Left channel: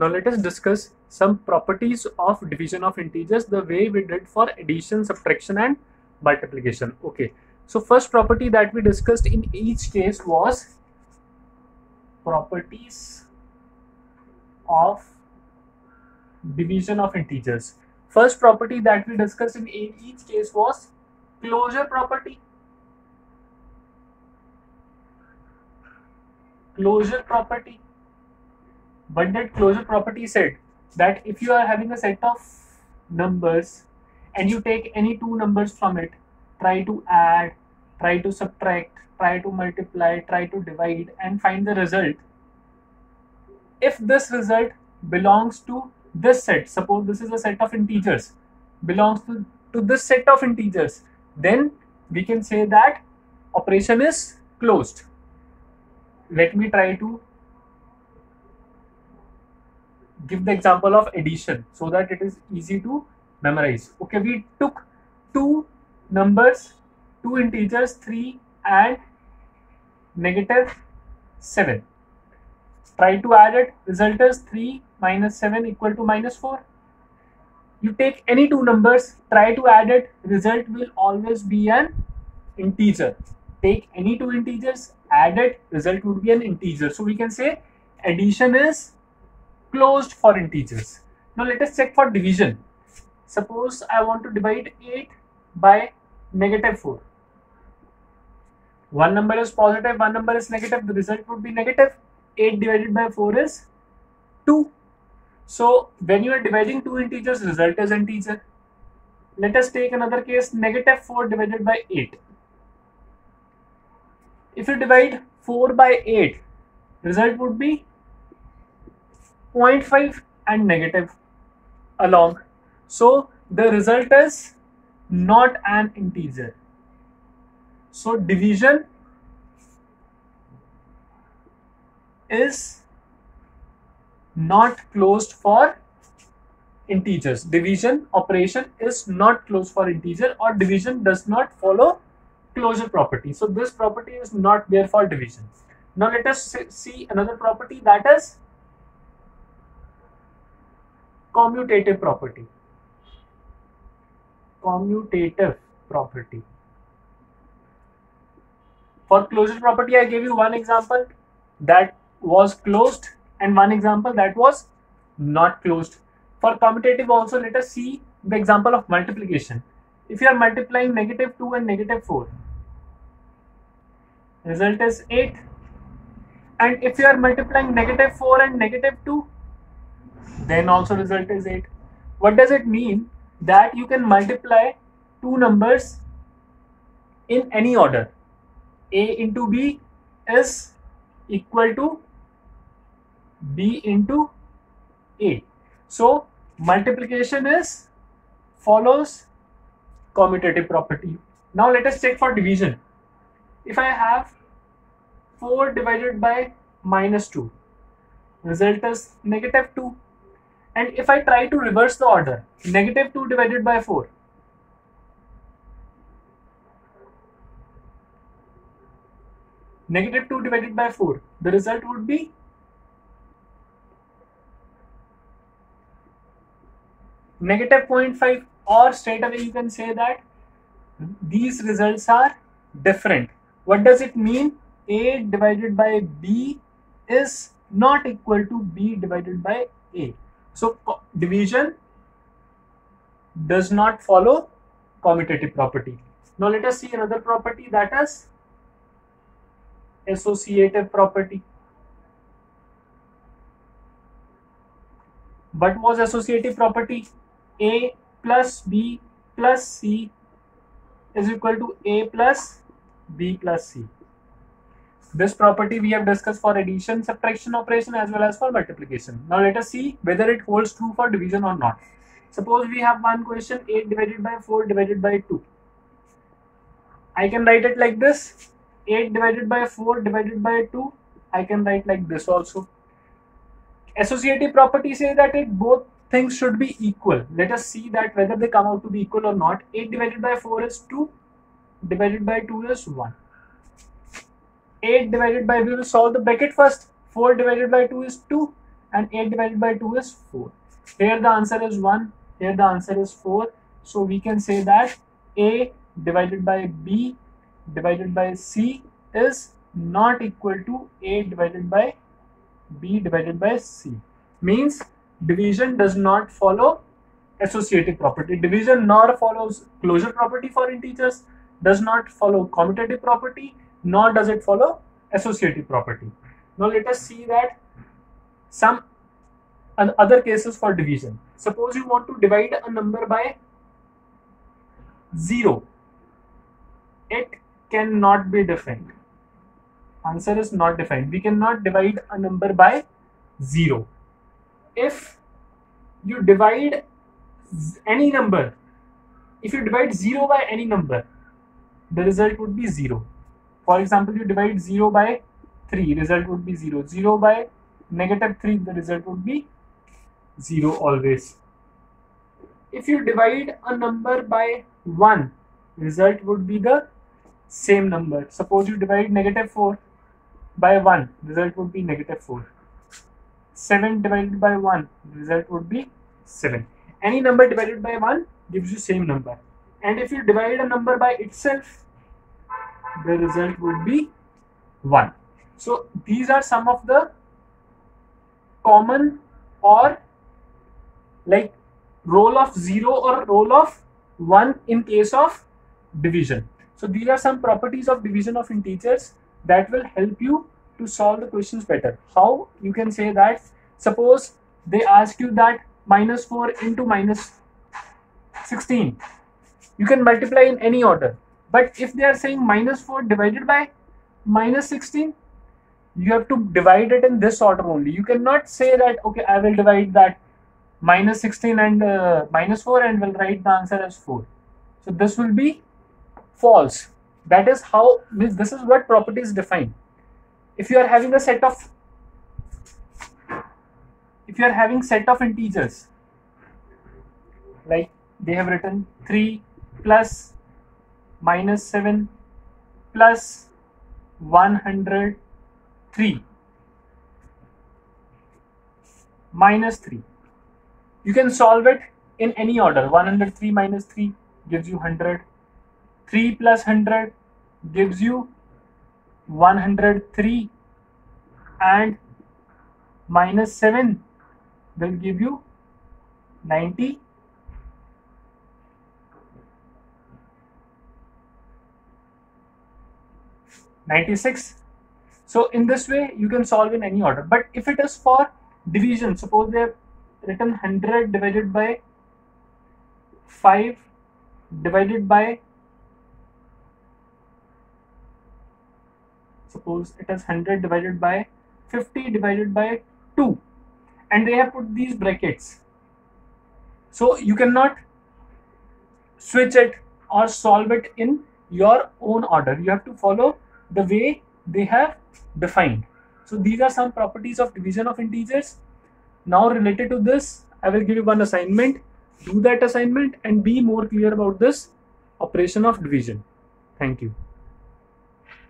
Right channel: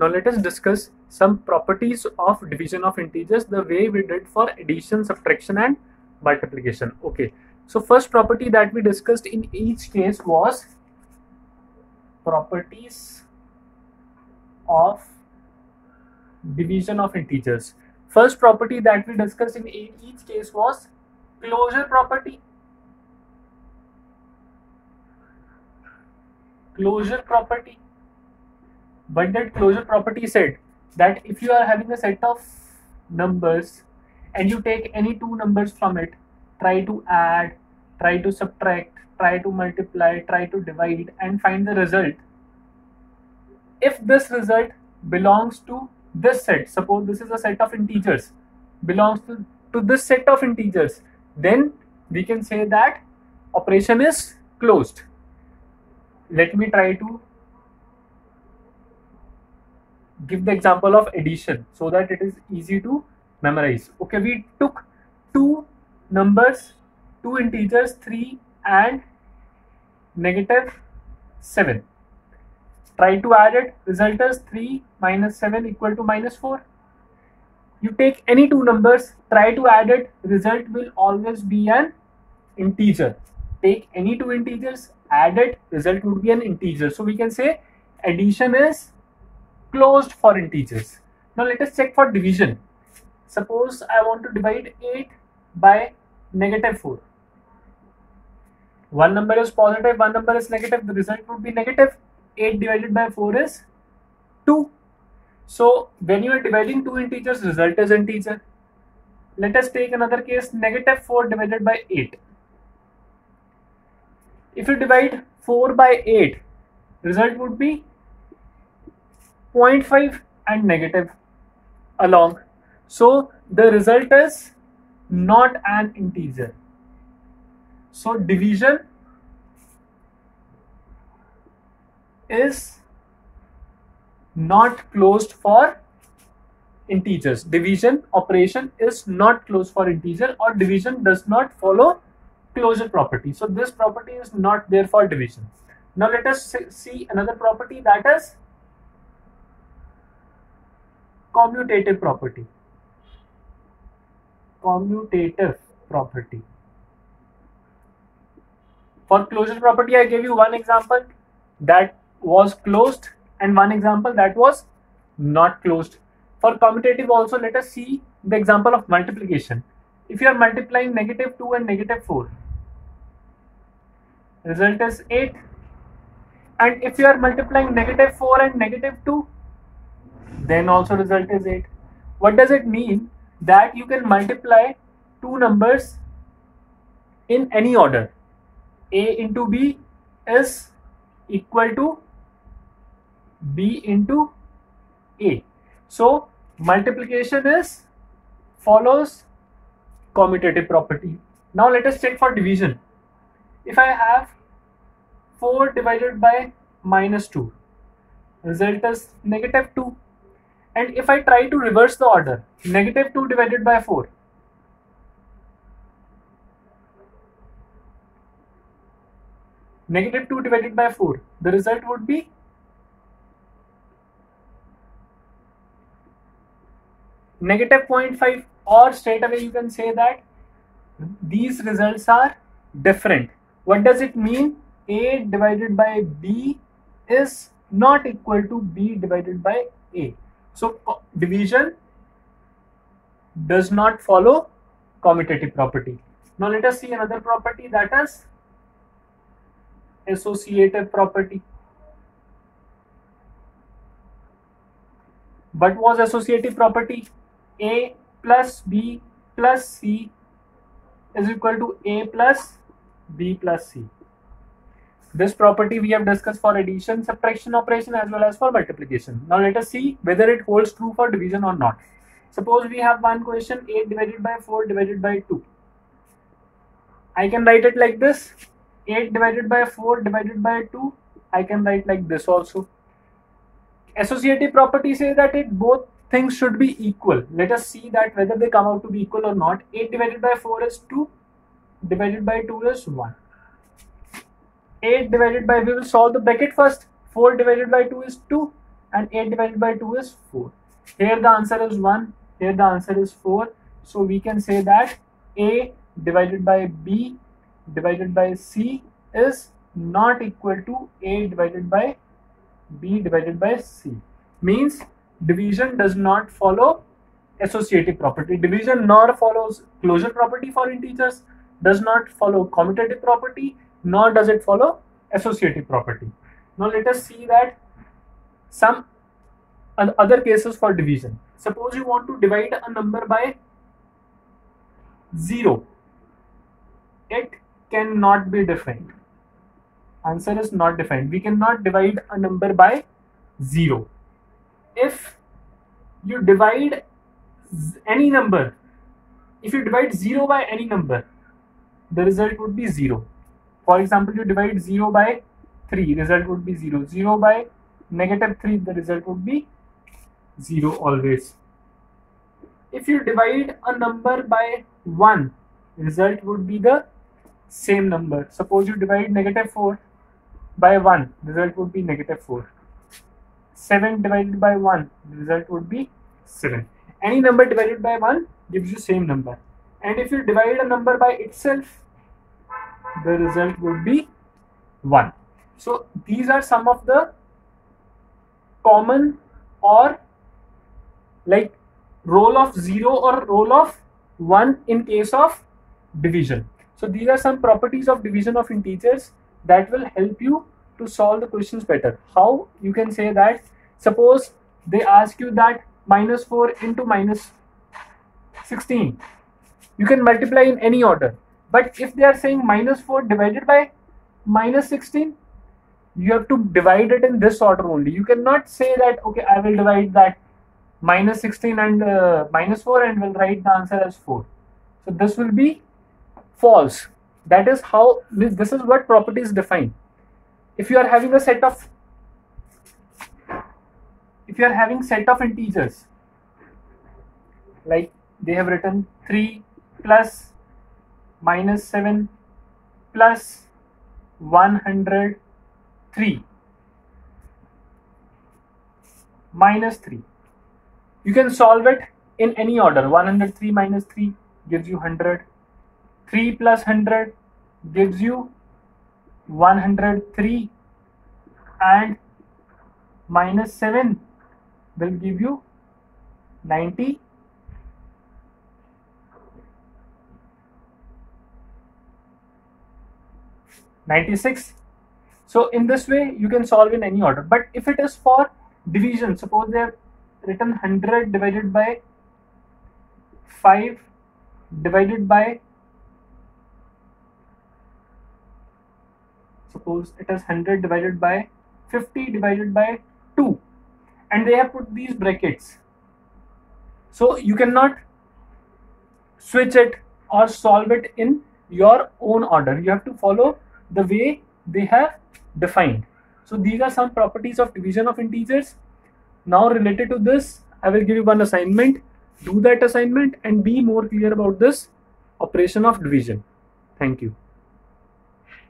Now let us discuss some properties of division of integers the way we did for addition, subtraction and multiplication. Okay, so first property that we discussed in each case was properties of division of integers. First property that we discussed in each case was closure property. Closure property. What did closure property said? That if you are having a set of numbers and you take any two numbers from it, try to add, try to subtract, try to multiply, try to divide and find the result. If this result belongs to this set, suppose this is a set of integers, belongs to this set of integers, then we can say that operation is closed. Let me try to give the example of addition so that it is easy to memorize. Okay, we took two numbers, two integers, 3 and -7. Try to add it, result is 3 minus 7 equal to -4. You take any two numbers, try to add it, result will always be an integer. Take any two integers, add it, result would be an integer. So we can say addition is closed for integers. Now let us check for division. Suppose I want to divide 8 by -4. One number is positive, one number is negative, the result would be negative. 8 divided by 4 is 2. So when you are dividing two integers, result is integer. Let us take another case, -4 divided by 8. If you divide 4 by 8, result would be 0.5 and negative along. So the result is not an integer. So division is not closed for integers. Division operation is not closed for integer, or division does not follow closure property. So this property is not there for division. Now let us see another property, that is commutative property. Commutative property. For closure property, I gave you one example that was closed and one example that was not closed. For commutative also, let us see the example of multiplication. If you are multiplying -2 and -4, result is 8. And if you are multiplying -4 and -2, then also result is 8. What does it mean? That you can multiply two numbers in any order. A into B is equal to B into A. So multiplication is follows commutative property. Now let us check for division. If I have 4 divided by -2, result is -2. And if I try to reverse the order, -2 divided by 4, -2 divided by 4, the result would be -0.5, or straight away you can say that these results are different. What does it mean? A divided by B is not equal to B divided by A. So division does not follow commutative property. Now let us see another property, that is associative property. What was associative property? A plus B plus C is equal to A plus B plus C. This property we have discussed for addition, subtraction operation as well as for multiplication. Now let us see whether it holds true for division or not. Suppose we have one question, 8 divided by 4 divided by 2. I can write it like this. 8 divided by 4 divided by 2. I can write like this also. Associative property says that both things should be equal. Let us see that whether they come out to be equal or not. 8 divided by 4 is 2. Divided by 2 is 1. 8 divided by, we will solve the bracket first. 4 divided by 2 is 2. and 8 divided by 2 is 4. Here the answer is 1, here the answer is 4. So we can say that A divided by B divided by C is not equal to A divided by B divided by C. Means division does not follow associative property. Division nor follows closure property for integers, does not follow commutative property, nor does it follow associative property. Now let us see that some other cases for division. Suppose you want to divide a number by 0. It cannot be defined. Answer is not defined. We cannot divide a number by 0. If you divide any number, if you divide 0 by any number, the result would be 0. For example, you divide 0 by 3, result would be 0. 0 by -3, the result would be 0 always. If you divide a number by 1, result would be the same number. Suppose you divide -4 by 1, result would be -4. 7 divided by 1, result would be 7. Any number divided by 1 gives you same number. And if you divide a number by itself, the result would be 1. So these are some of the common or like role of 0 or role of 1 in case of division. So these are some properties of division of integers that will help you to solve the questions better. How? You can say that, suppose they ask you that -4 into -16, you can multiply in any order. But if they are saying -4 divided by -16, you have to divide it in this order only. You cannot say that, okay, I will divide that -16 and -4 and will write the answer as 4. So this will be false. That is how, this is what properties define. If you are having a set of, integers, like they have written 3 plus -7 plus 103 minus 3. You can solve it in any order. 103 minus 3 gives you 100. 3 plus 100 gives you 103, and -7 will give you 96. So in this way you can solve in any order. But if it is for division, suppose they have written 100 divided by 5 divided by, suppose it is 100 divided by 50 divided by 2, and they have put these brackets. So you cannot switch it or solve it in your own order. You have to follow the way they have defined. So these are some properties of division of integers. Now related to this, I will give you one assignment. Do that assignment and be more clear about this operation of division. Thank you.